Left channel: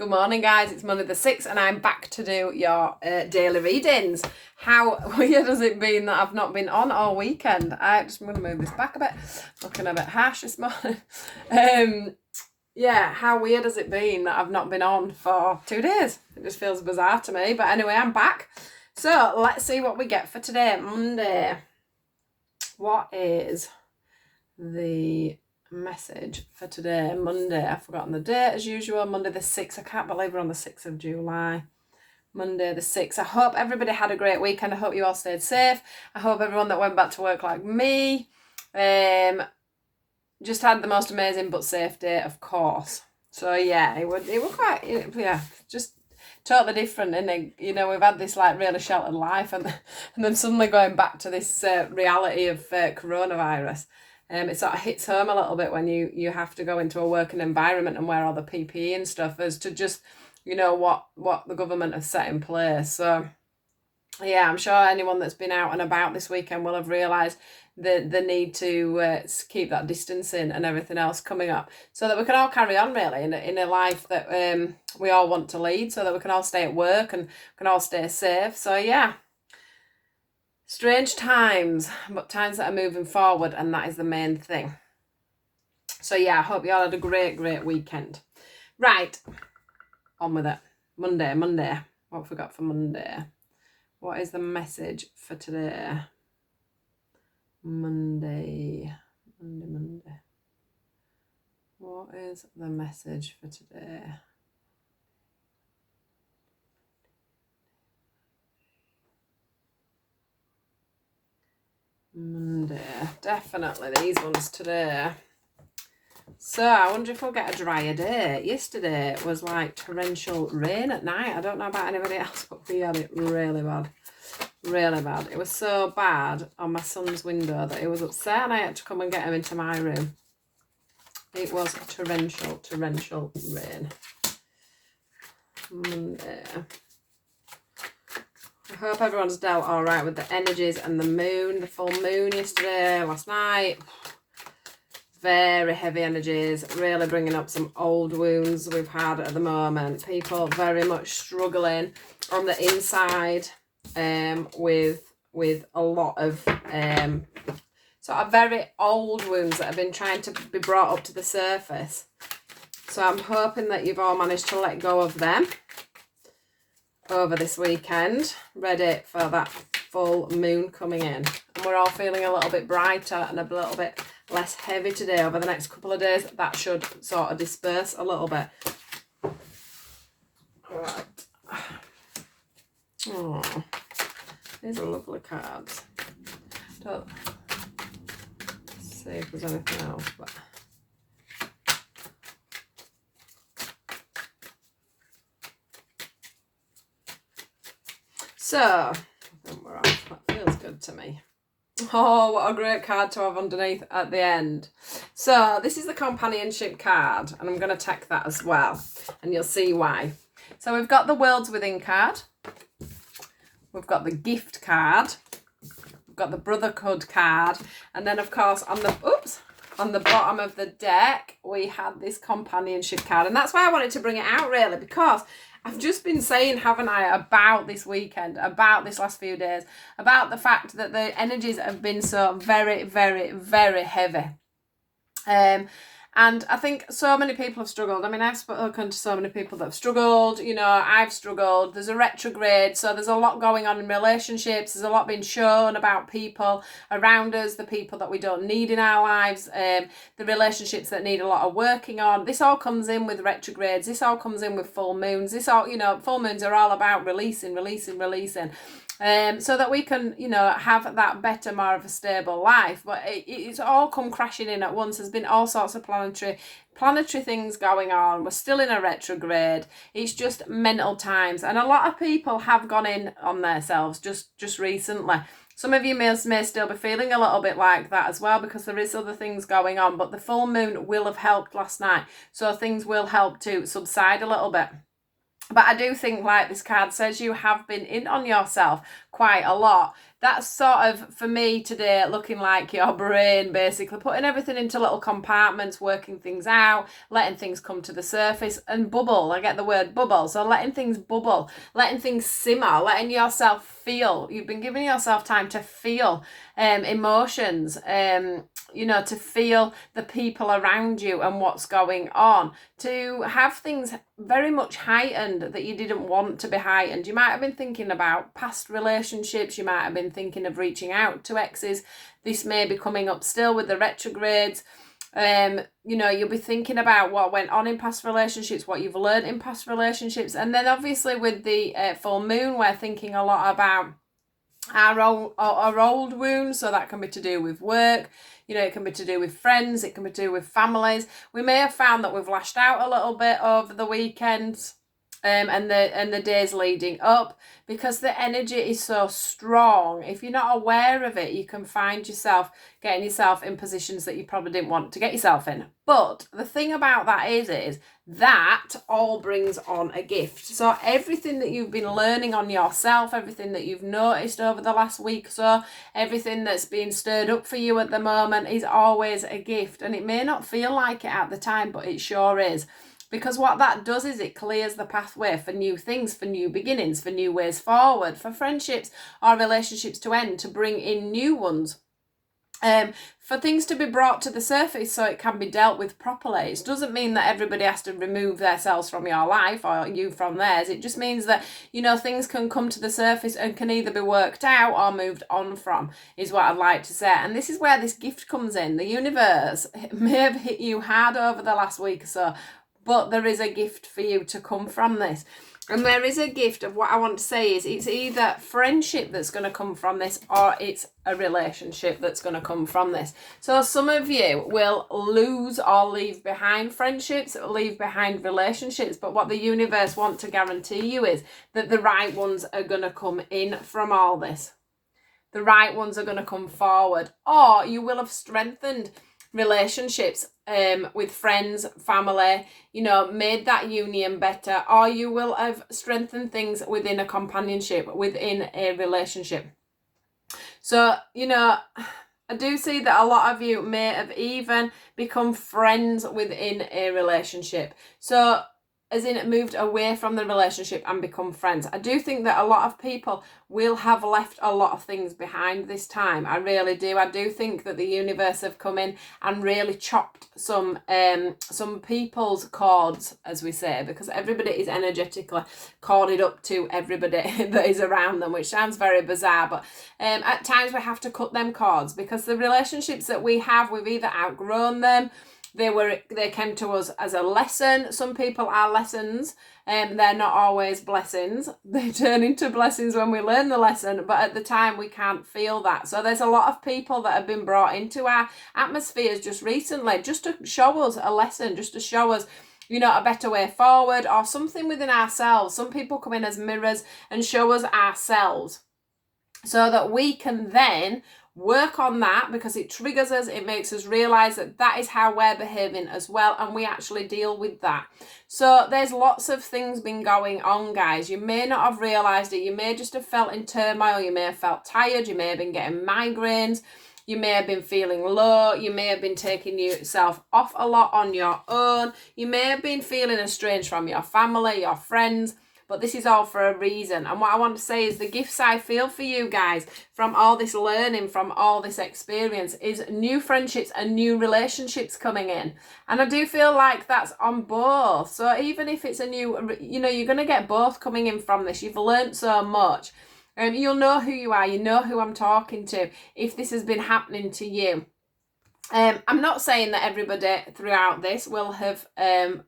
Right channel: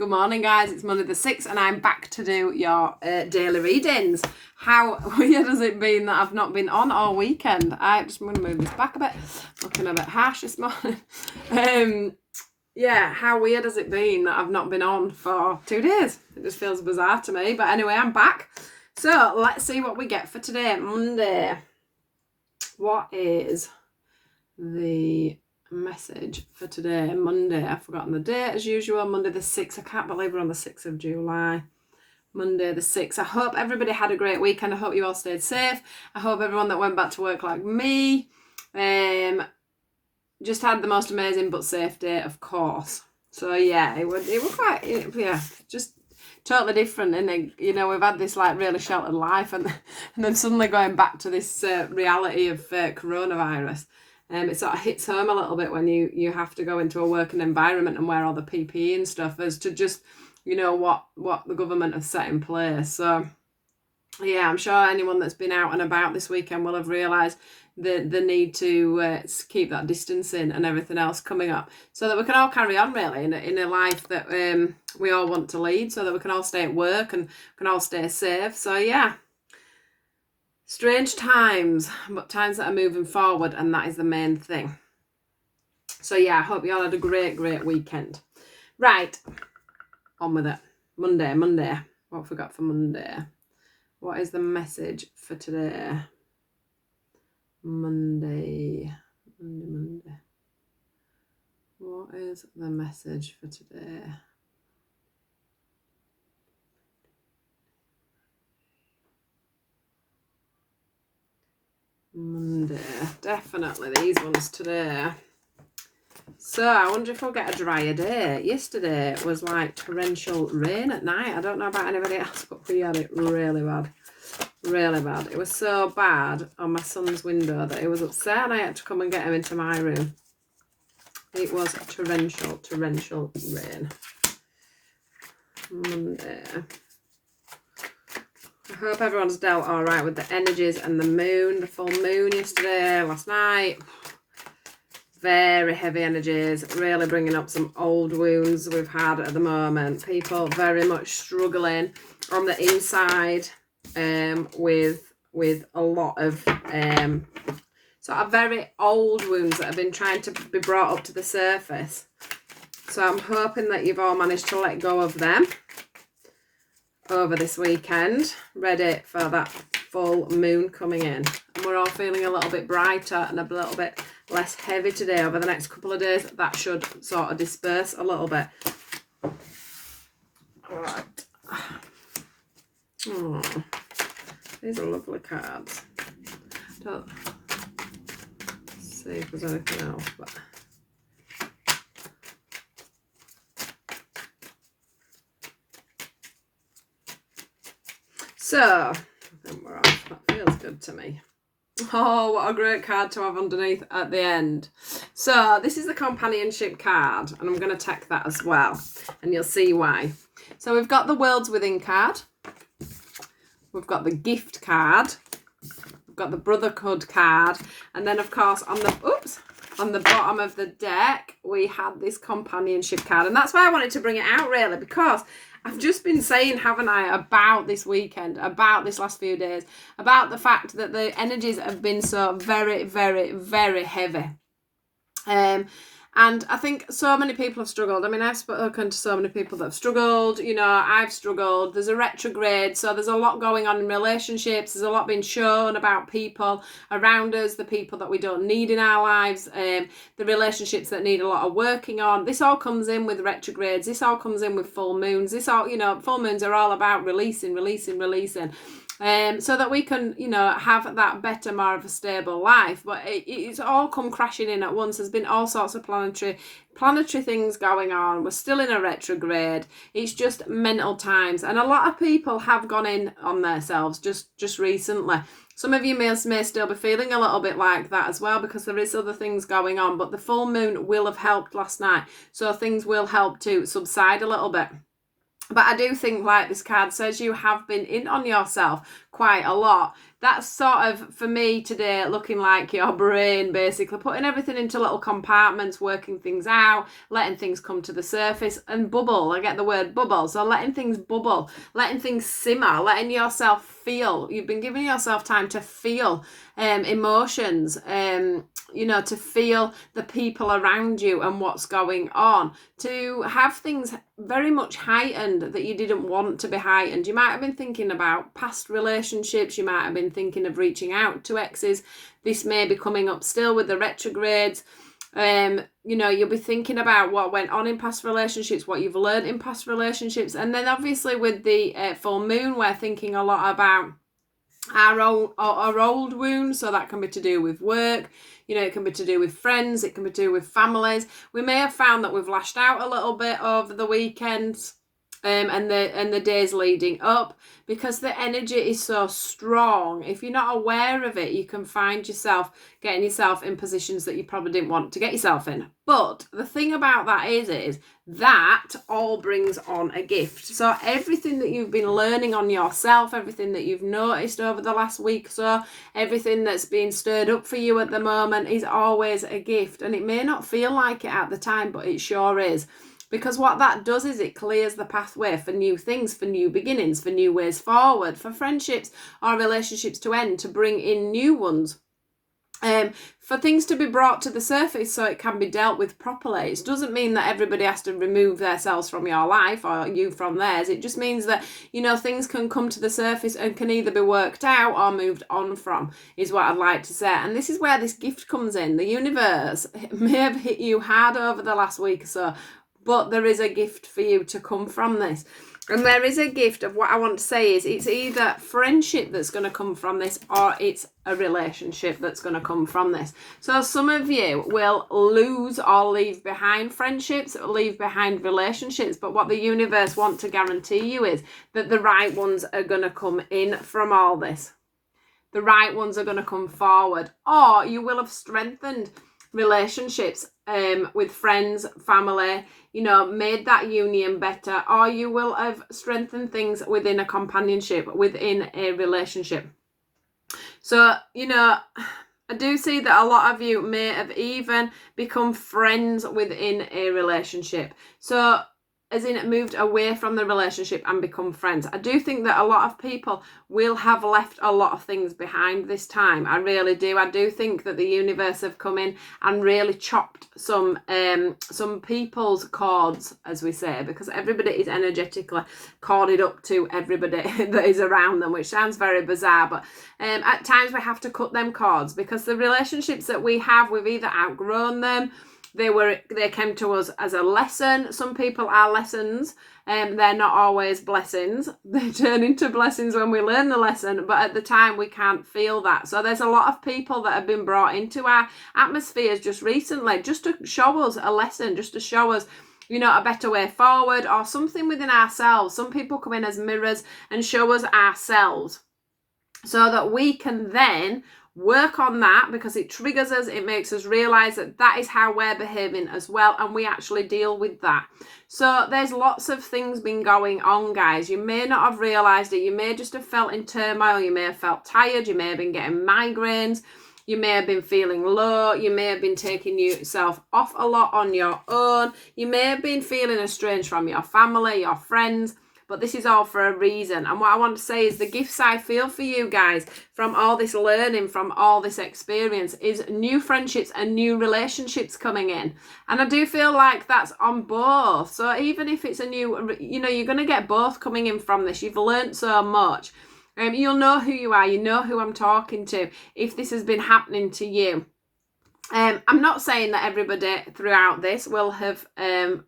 Good morning, guys. It's Monday the 6th and I'm back to do your daily readings. How weird has it been that I've not been on all weekend? I'm going to move this back a bit. Looking a bit harsh this morning. Yeah, how weird has it been that I've not been on for 2 days? It just feels bizarre to me. But anyway, I'm back. So let's see what we get for today, Monday. What is the message for today, Monday? I've forgotten the date as usual. Monday the 6th. I can't believe we're on the 6th of July. Monday the 6th. I hope everybody had a great weekend. I hope you all stayed safe. I hope everyone that went back to work like me just had the most amazing but safe day, of course. So yeah, it was quite, yeah, just totally different. And you know, we've had this like really sheltered life and then suddenly going back to this reality of coronavirus. It sort of hits home a little bit when you have to go into a working environment and wear all the PPE and stuff, as to just, you know, what the government has set in place. So yeah, I'm sure anyone that's been out and about this weekend will have realised the need to keep that distancing and everything else coming up, so that we can all carry on really in a life that we all want to lead, so that we can all stay at work and can all stay safe. So yeah. Strange times, but times that are moving forward, and that is the main thing. So yeah, I hope you all had a great weekend. Right, on with it. Monday. What have we got for Monday? What is the message for today? Monday. What is the message for today? Monday, definitely these ones today. So I wonder if we'll get a drier day. Yesterday was like torrential rain at night. I don't know about anybody else, but we had it really bad. It was so bad on my son's window that he was upset and I had to come and get him into my room. It was torrential rain. Monday. I hope everyone's dealt all right with the energies and the moon, the full moon yesterday, last night. Very heavy energies, really bringing up some old wounds we've had at the moment. People very much struggling on the inside with a lot of sort of very old wounds that have been trying to be brought up to the surface. So I'm hoping that you've all managed to let go of them over this weekend, ready for that full moon coming in. And we're all feeling a little bit brighter and a little bit less heavy today. Over the next couple of days, that should sort of disperse a little bit. Right. Oh, these are lovely cards. Let's see if there's anything else, but so, I think we're off. That feels good to me. Oh, what a great card to have underneath at the end. So, this is the companionship card, and I'm going to tack that as well, and you'll see why. So, we've got the Worlds Within card. We've got the Gift card. We've got the Brotherhood card. And then, of course, on the bottom of the deck, we had this companionship card. And that's why I wanted to bring it out, really, because I've just been saying, haven't I, about this weekend, about this last few days, about the fact that the energies have been so very heavy. And I think so many people have struggled. I mean, I've spoken to so many people that have struggled. You know, I've struggled. There's a retrograde, so there's a lot going on in relationships. There's a lot being shown about people around us, the people that we don't need in our lives, the relationships that need a lot of working on. This all comes in with retrogrades. This all comes in with full moons. This all, you know, full moons are all about releasing. So that we can, you know, have that better, more of a stable life. But it's all come crashing in at once. There's been all sorts of planetary things going on. We're still in a retrograde. It's just mental times. And a lot of people have gone in on themselves just recently. Some of you may still be feeling a little bit like that as well, because there is other things going on. But the full moon will have helped last night. So things will help to subside a little bit. But I do think, like this card says, you have been in on yourself quite a lot. That's sort of, for me today, looking like your brain, basically putting everything into little compartments, working things out, letting things come to the surface and bubble. I get the word bubble. So letting things bubble, letting things simmer, letting yourself feel. You've been giving yourself time to feel emotions, to feel the people around you and what's going on, to have things very much heightened that you didn't want to be heightened. You might have been thinking about past relationships. You might have been thinking of reaching out to exes. This may be coming up still with the retrogrades. You'll be thinking about what went on in past relationships, what you've learned in past relationships. And then obviously with the full moon, we're thinking a lot about our old wounds. So that can be to do with work. It can be to do with friends, it can be to do with families. We may have found that we've lashed out a little bit over the weekends and the days leading up, because the energy is so strong. If you're not aware of it, you can find yourself getting yourself in positions that you probably didn't want to get yourself in. But the thing about that is that all brings on a gift. So everything that you've been learning on yourself, everything that you've noticed over the last week or so, everything that's being stirred up for you at the moment is always a gift. And it may not feel like it at the time, but it sure is. Because what that does is it clears the pathway for new things, for new beginnings, for new ways forward, for friendships or relationships to end, to bring in new ones. For things to be brought to the surface so it can be dealt with properly. It doesn't mean that everybody has to remove themselves from your life or you from theirs. It just means that, things can come to the surface and can either be worked out or moved on from, is what I'd like to say. And this is where this gift comes in. The universe may have hit you hard over the last week or so, but there is a gift for you to come from this. And there is a gift of what I want to say is it's either friendship that's going to come from this or it's a relationship that's going to come from this. So some of you will lose or leave behind friendships, leave behind relationships. But what the universe wants to guarantee you is that the right ones are going to come in from all this. The right ones are going to come forward. Or you will have strengthened relationships with friends, family, made that union better, or you will have strengthened things within a companionship, within a relationship. So, I do see that a lot of you may have even become friends within a relationship. So, as in moved away from the relationship and become friends. I do think that a lot of people will have left a lot of things behind this time. I really do. I do think that the universe have come in and really chopped some people's cords, as we say, because everybody is energetically corded up to everybody that is around them, which sounds very bizarre, but at times we have to cut them cords because the relationships that we have, we've either outgrown them, they came to us as a lesson. Some people are lessons, and they're not always blessings. They turn into blessings when we learn the lesson, but at the time we can't feel that. So there's a lot of people that have been brought into our atmospheres just recently, just to show us a lesson, just to show us a better way forward or something within ourselves. Some people come in as mirrors and show us ourselves so that we can then work on that, because it triggers us, it makes us realize that is how we're behaving as well, and we actually deal with that. So there's lots of things been going on, guys. You may not have realized it. You may just have felt in turmoil. You may have felt tired. You may have been getting migraines. You may have been feeling low. You may have been taking yourself off a lot on your own. You may have been feeling estranged from your family, your friends. But this is all for a reason. And what I want to say is the gifts I feel for you guys from all this learning, from all this experience, is new friendships and new relationships coming in. And I do feel like that's on both. So even if it's a new, you're going to get both coming in from this. You've learned so much. You'll know who you are. You know who I'm talking to if this has been happening to you. I'm not saying that everybody throughout this will have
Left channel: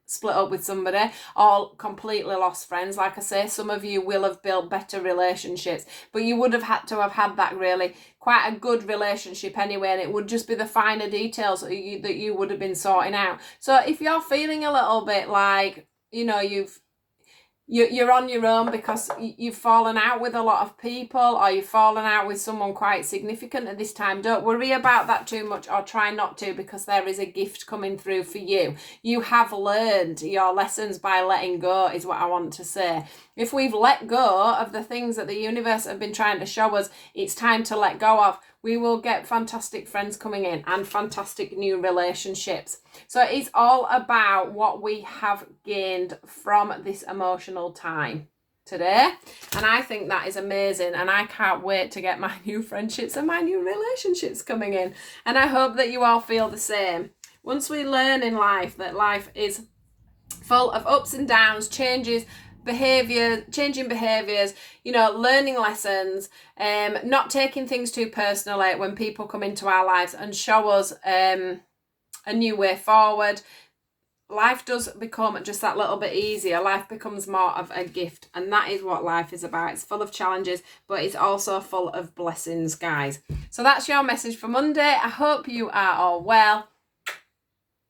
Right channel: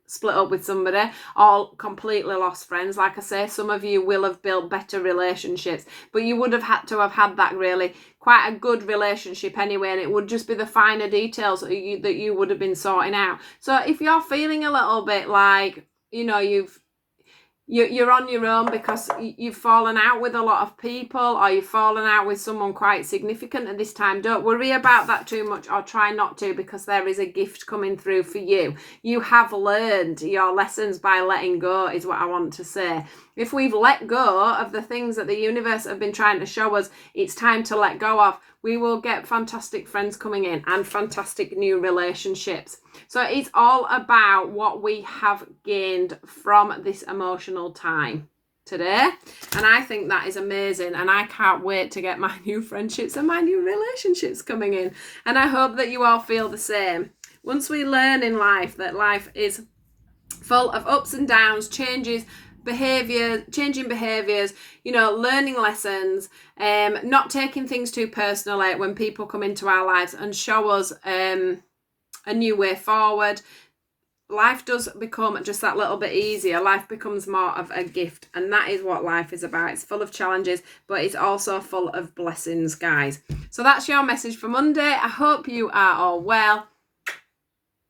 split up with somebody, all completely lost friends. Like I say, some of you will have built better relationships, but you would have had to have had that really quite a good relationship anyway, and it would just be the finer details that you would have been sorting out. So if you're feeling a little bit like, you're on your own because you've fallen out with a lot of people, or you've fallen out with someone quite significant at this time. Don't worry about that too much, or try not to, because there is a gift coming through for you. You have learned your lessons by letting go, is what I want to say. If we've let go of the things that the universe have been trying to show us, it's time to let go of. We will get fantastic friends coming in and fantastic new relationships. So it's all about what we have gained from this emotional time today. And I think that is amazing. And I can't wait to get my new friendships and my new relationships coming in. And I hope that you all feel the same. Once we learn in life that life is full of ups and downs, changes, changing behaviors, learning lessons, not taking things too personally when people come into our lives and show us a new way forward, life does become just that little bit easier. Life becomes more of a gift, and that is what life is about. It's full of challenges, but it's also full of blessings, guys. So that's your message for Monday. I hope you are all well.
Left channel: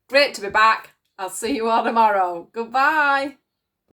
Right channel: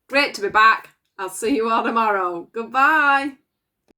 Great to be back. I'll see you all tomorrow. Goodbye.